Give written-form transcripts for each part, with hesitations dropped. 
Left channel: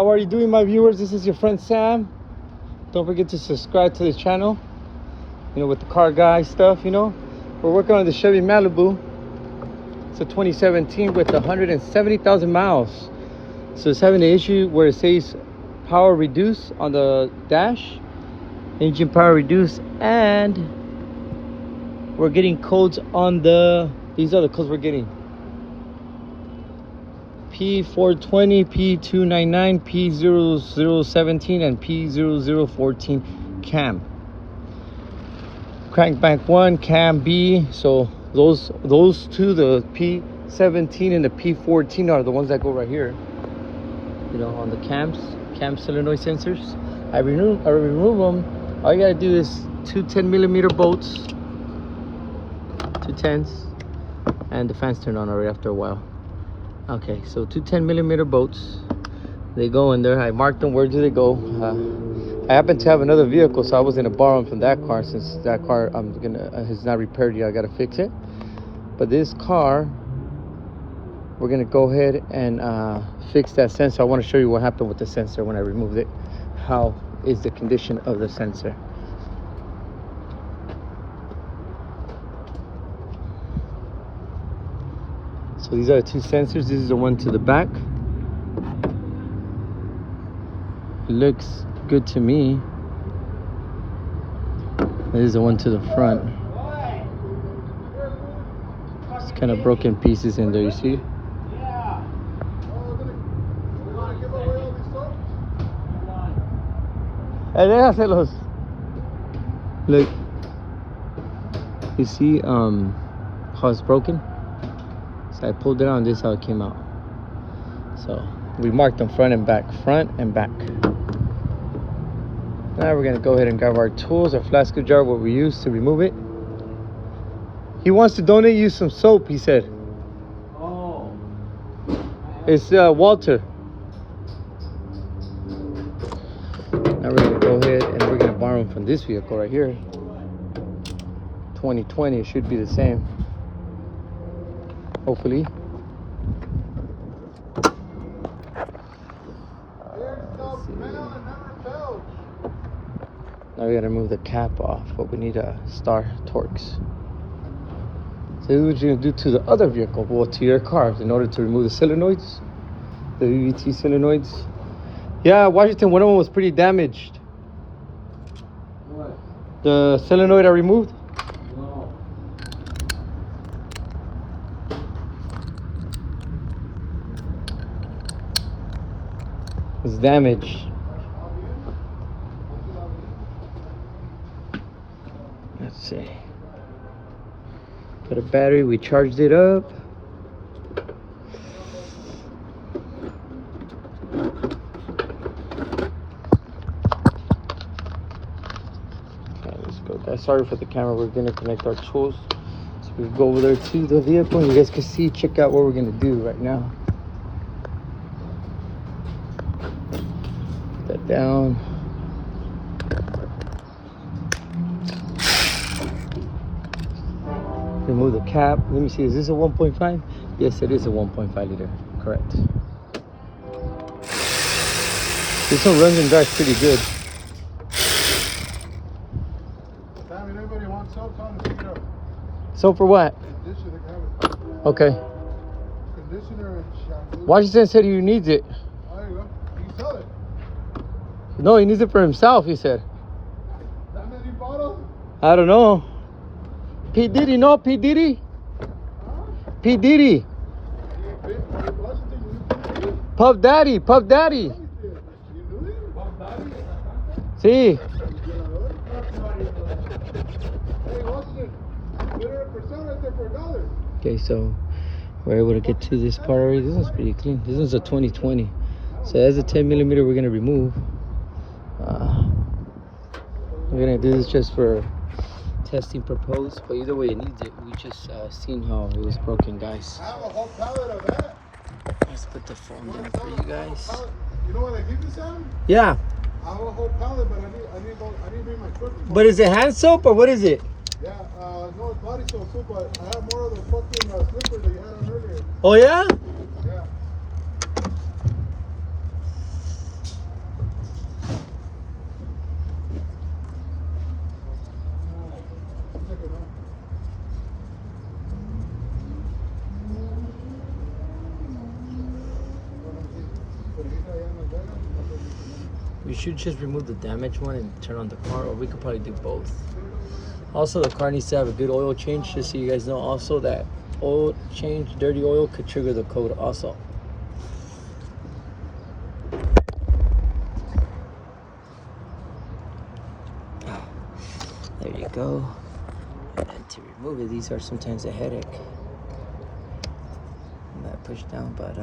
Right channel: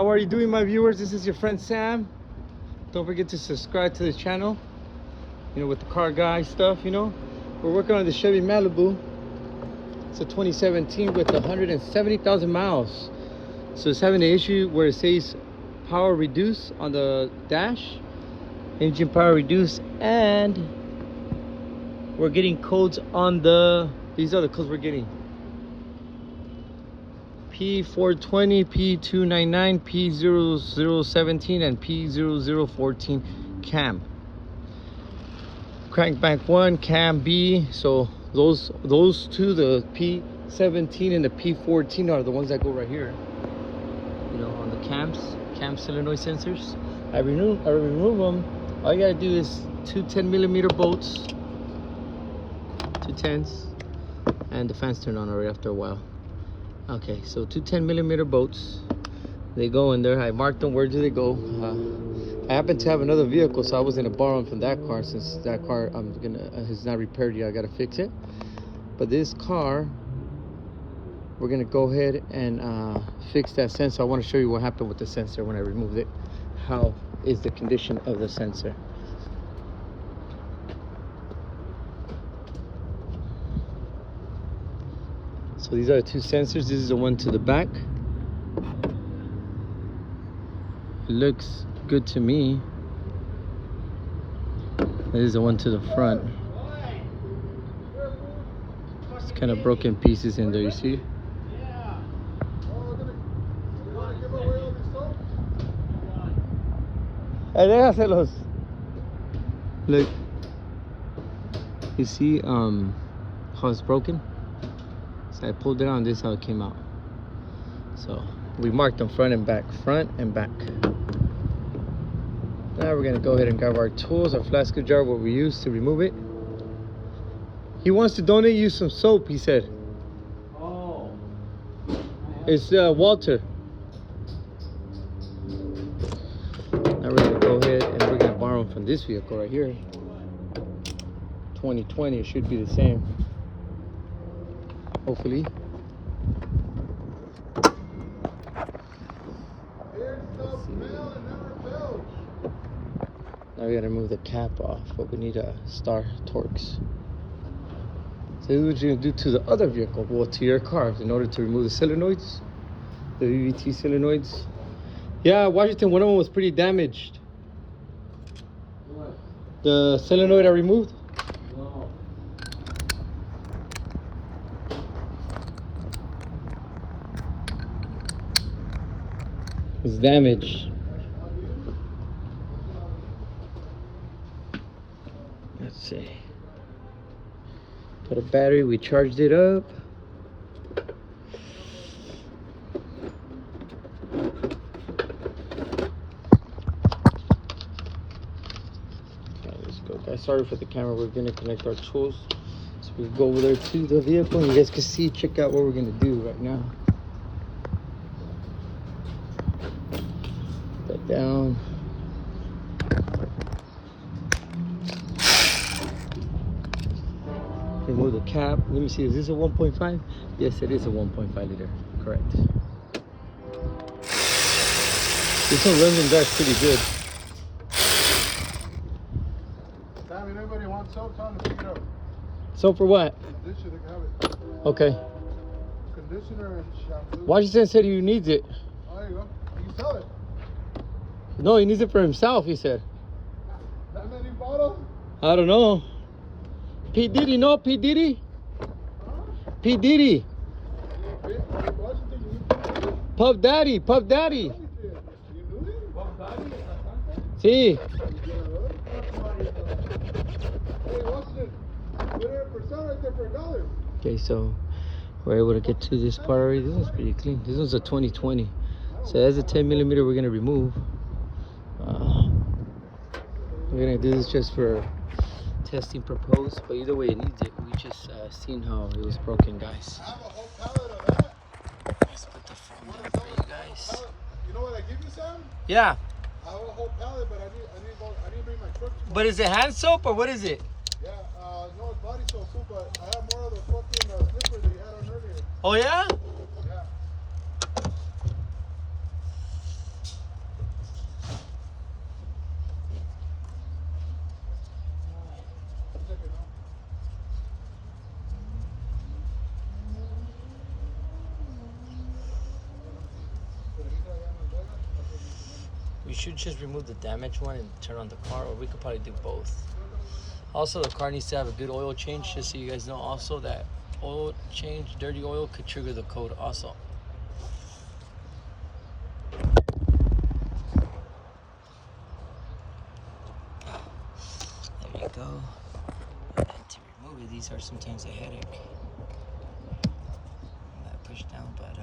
How are you doing, my viewers? This is your friend Sam. Don't forget to subscribe to the channel, you know, with the car guy stuff. You know, we're working on the Chevy Malibu. It's a 2017 with 170,000 miles. So it's having an issue where it says power reduce on the dash, engine power reduce, and we're getting codes on the, these are the codes we're getting: p0020, p299, p0017, and p0014 cam. Crank bank 1, cam B. So those two, the p17 and the p14, are the ones that go right here, you know, on the cam solenoid sensors. I remove them. All you gotta do is two 10mm bolts, two 10s, and the fans turn on already after a while. Okay, so two 10mm bolts, they go in there. I marked them. Where do they go? I happen to have another vehicle, so I was gonna borrow them from that car, since that car is not repaired yet. I gotta fix it. But this car, we're gonna go ahead and fix that sensor. I want to show you what happened with the sensor when I removed it. How is the condition of the sensor? So these are the two sensors. This is the one to the back. It looks good to me. This is the one to the front. It's kind of broken pieces in there, you see? Look, you see how it's broken? So I pulled it out, and this is how it came out. So we marked them front and back. Now we're gonna go ahead and grab our tools, our flat screwdriver, what we use to remove it. He wants to donate you some soap, he said. Oh. It's Walter. Now we're gonna go ahead and we're gonna borrow them from this vehicle right here. 2020, it should be the same. Hopefully. Now we gotta remove the cap off, but we need a star Torx. So this is what you're gonna do to the other vehicle, well, to your car, in order to remove the solenoids, the VVT solenoids. Yeah, Washington, one of them was pretty damaged. What? The solenoid I removed. No. It's damaged. Let's see. Put a battery, we charged it up. Okay, let's go, guys. Sorry for the camera. We're gonna connect our tools. So we go over there to the vehicle, and you guys can see, check out what we're gonna do right now. Put that down. Remove the cap. Let me see, is this a 1.5? Yes, it is a 1.5 liter. Correct. This one runs and drives pretty good. Sammy, anybody wants soap? Tell them to pick it up. So for what? Conditioner, they can have it. Okay. Conditioner and shampoo. Washington said he needs it. Oh, there you go. You can sell it. No, he needs it for himself, he said. That many bottles? I don't know. P. Diddy, no? P. Diddy? P. Diddy. Puff Daddy, Puff Daddy. See. Okay, so we're able to get to this part already. This one's pretty clean. This one's a 2020. So that's a 10mm we're gonna remove. We're gonna do this just for testing purpose, but either way it needs it. We just seen how it was broken, guys. I have a whole pallet of that. Let's put the phone down for you guys. You know what I give you, Sam? Yeah. I have a whole pallet, but I need to bring my truck. But is it hand soap or what is it? Yeah, no, it's body soap too, but I have more of the fucking slippers that you had on earlier. Oh yeah? Yeah. We should just remove the damaged one and turn on the car, or we could probably do both. Also, the car needs to have a good oil change, just so you guys know also that oil change, dirty oil, could trigger the code also. There you go. And then to remove it, these are sometimes a headache. And that push down, but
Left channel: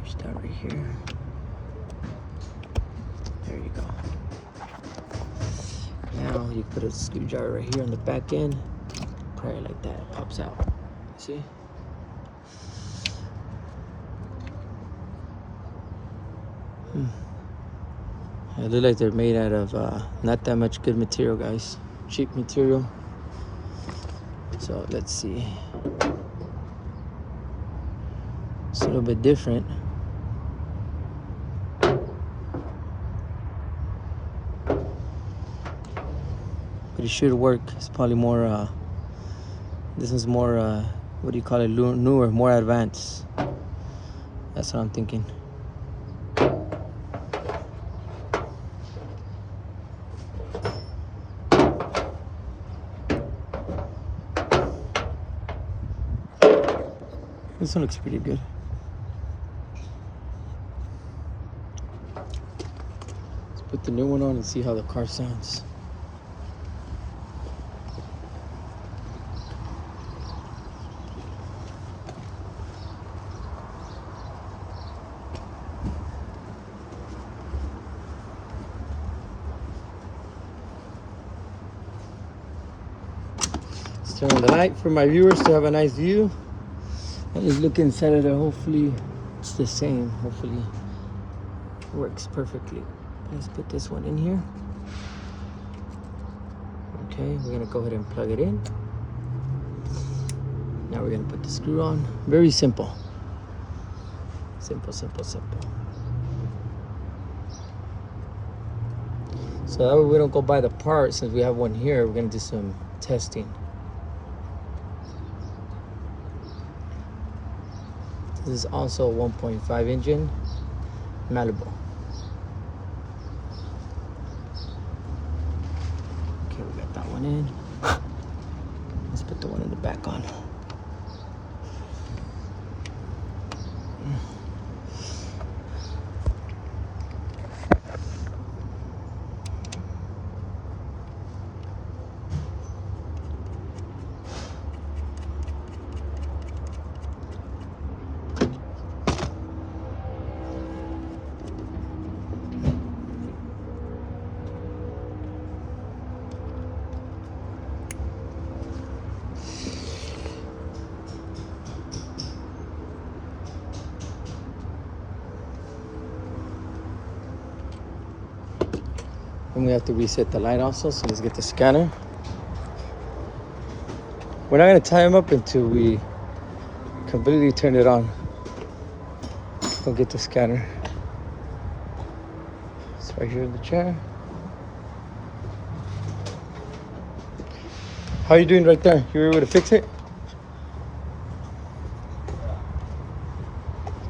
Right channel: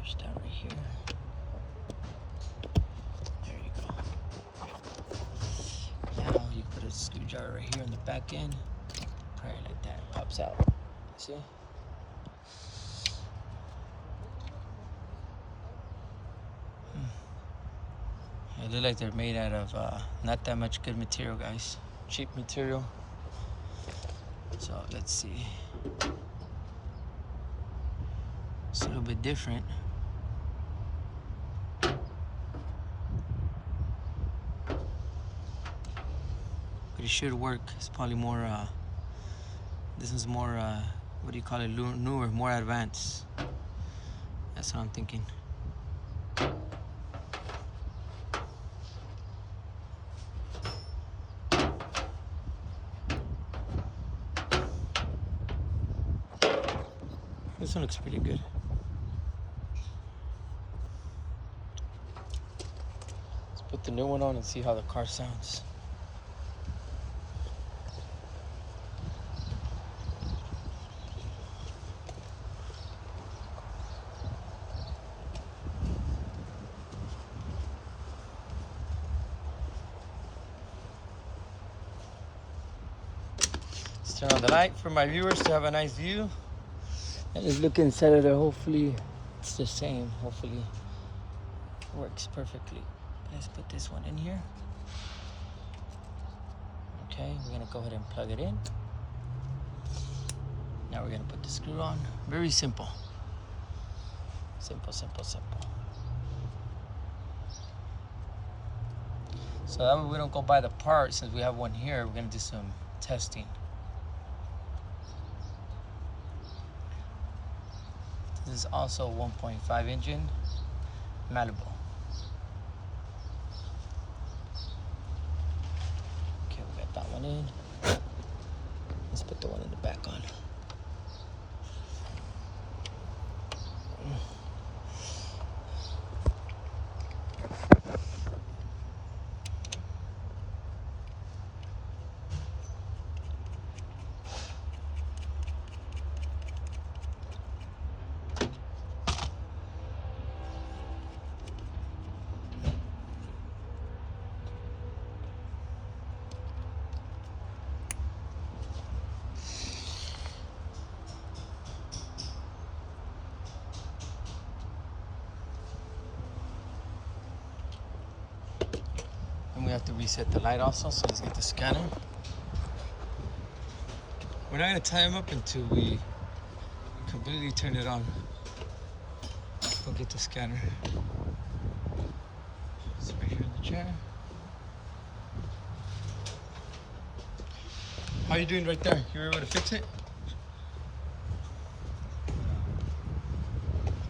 push down right here. There you go. Now you put a screwdriver right here on the back end, pry it like that, it pops out. See? They look like they're made out of not that much good material, guys. Cheap material. So let's see. It's a little bit different. But it should work. It's probably more, this is more, what do you call it, newer, more advanced. That's what I'm thinking. This one looks pretty good. Let's put the new one on and see how the car sounds. Let's turn on the light for my viewers to have a nice view. And just look inside of it. Hopefully it's the same. Hopefully it works perfectly. Let's put this one in here. Okay, we're gonna go ahead and plug it in. Now we're gonna put the screw on. Very simple. Simple, simple, simple. So that way we don't go buy the part. Since we have one here, we're gonna do some testing. This is also a 1.5 engine Malibu. Okay, we got that one in. Let's put the one in the back on. And we have to reset the light also, so let's get the scanner. We're not gonna tie them up until we completely turn it on. Don't get the scanner. It's right here in the chair. How are you doing right there? You were able to fix it?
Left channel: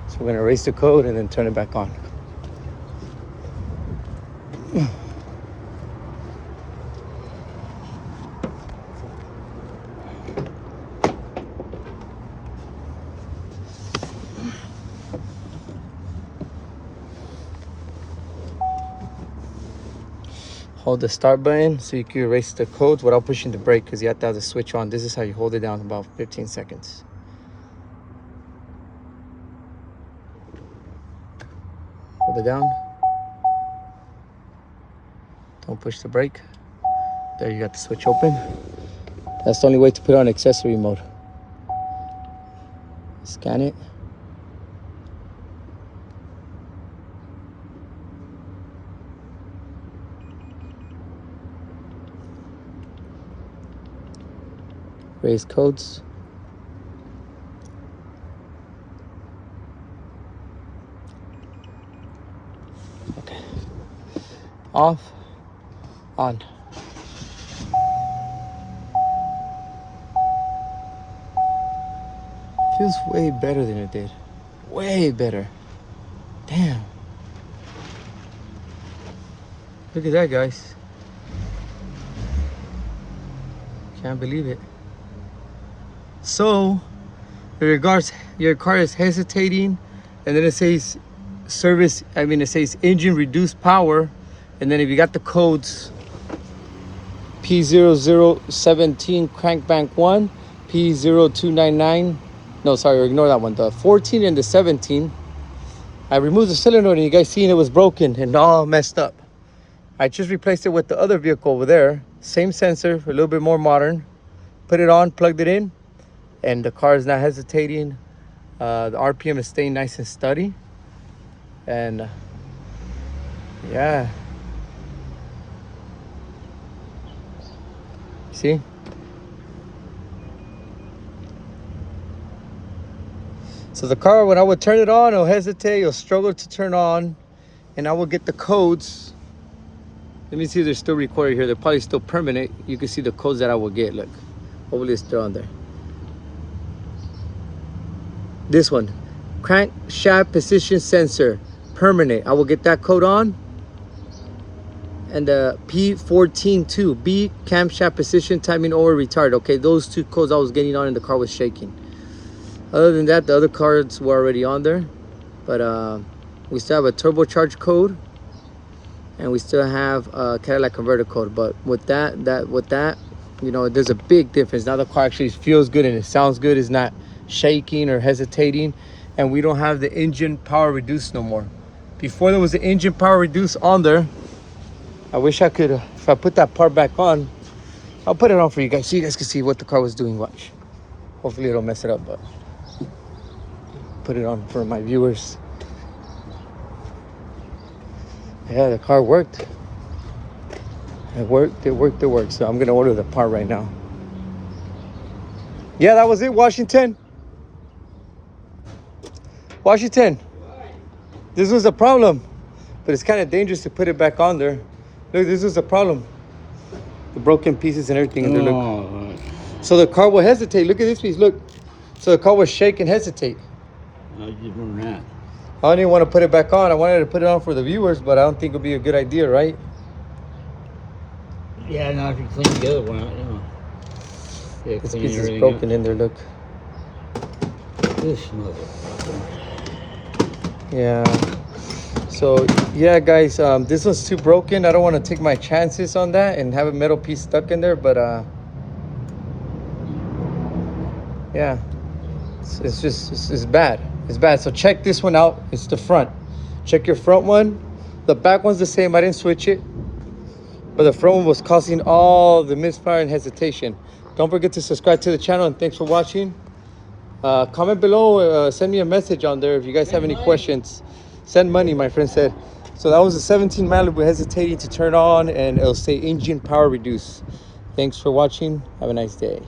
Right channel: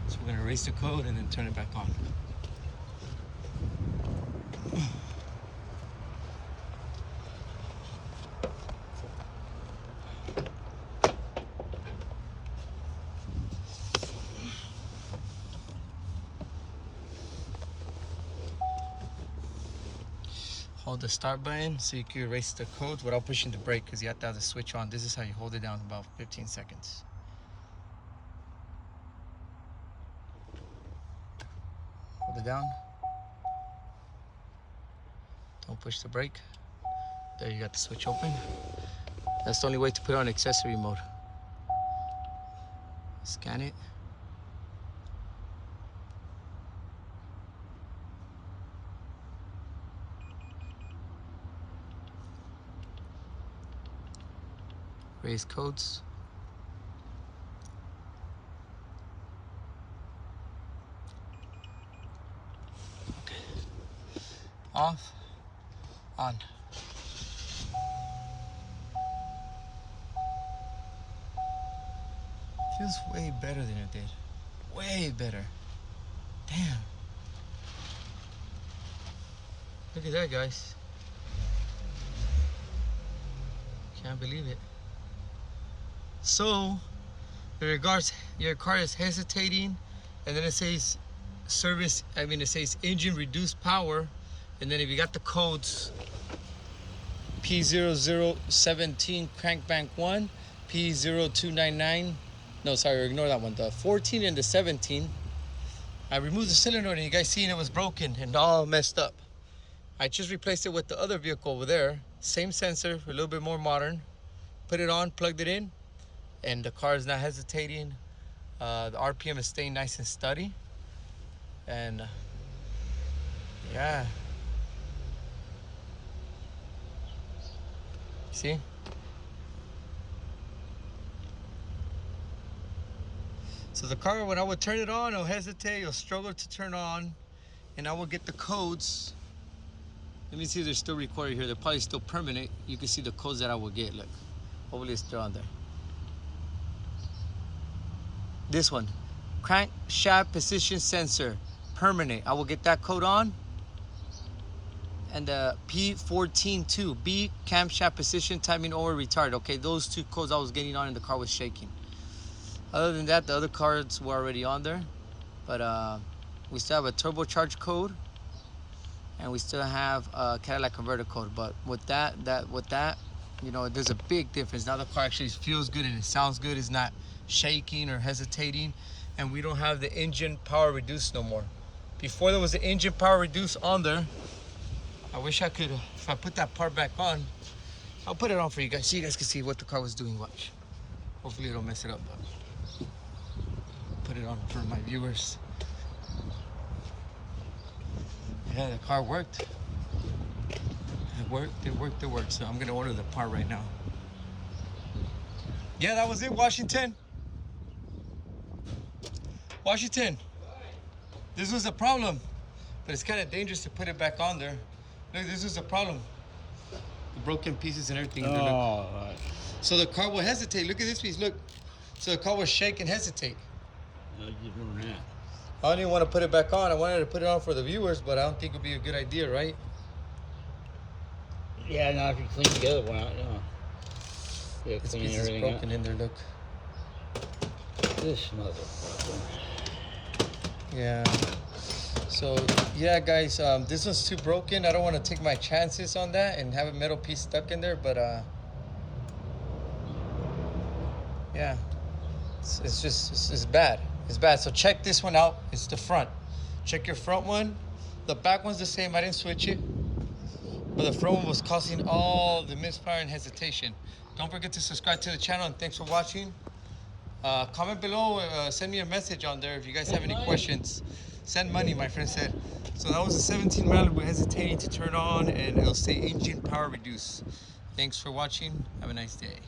So we're gonna erase the code and then turn it back on. Hold the start button so you can erase the codes without pushing the brake, because you have to have the switch on. This is how you hold it down, about 15 seconds. Hold it down. Don't push the brake. There, you got the switch open. That's the only way to put it on accessory mode. Scan it. Raise codes. Okay. Off. On. Feels way better than it did. Way better. Damn. Look at that, guys. Can't believe it. So, in regards, your car is hesitating, and then it says service, it says engine reduced power, and then if you got the codes p0017 crankbank 1, p0299, no, sorry, ignore that one, the 14 and the 17, I removed the solenoid and you guys seen it was broken and all messed up. I just replaced it with the other vehicle over there, same sensor, a little bit more modern, put it on, plugged it in, and the car is not hesitating. The RPM is staying nice and steady, and yeah, see, so the car, when I would turn it on, it'll hesitate, it'll struggle to turn on, and I will get the codes. Let me see if they're still recorded here. They're probably still permanent. You can see the codes that I will get. Look, hopefully it's still on there. This one, crankshaft position sensor, permanent. I will get that code on. And the P14 too, B, camshaft position timing over retard. Okay, those two codes I was getting on and the car was shaking. Other than that, the other cards were already on there. But we still have a turbocharged code. And we still have a Cadillac converter code. But with that, you know, there's a big difference. Now the car actually feels good and it sounds good. It's not shaking or hesitating. And we don't have the engine power reduced no more. Before there was the engine power reduced on there. I wish I could, if I put that part back on, I'll put it on for you guys so you guys can see what the car was doing. Watch. Hopefully it'll mess it up, but put it on for my viewers. Yeah, the car worked. It worked. So I'm gonna order the part right now. Yeah, that was it, Washington. Washington. This was the problem. But it's kind of dangerous to put it back on there. Look, this was the problem. The broken pieces and everything. And look. So the car will hesitate. Look at this piece, look. So the car will shake and hesitate. How'd you do that? I don't even want to put it back on. I wanted to put it on for the viewers, but I don't think it would be a good idea, right? Yeah, now if you clean the other one out, yeah, This piece is broken in there, look. This motherfucker. Yeah. So, yeah, guys, this one's too broken. I don't want to take my chances on that and have a metal piece stuck in there, but yeah, it's bad. It's bad. So check this one out. It's the front. Check your front one. The back one's the same. I didn't switch it, but the front one was causing all the misfire and hesitation. Don't forget to subscribe to the channel, and thanks for watching. Comment below, send me a message on there if you guys have any questions. Send money, my friend said. So that was a 17 Malibu hesitating to turn on, and it'll say engine power reduced. Thanks for watching. Have a nice day.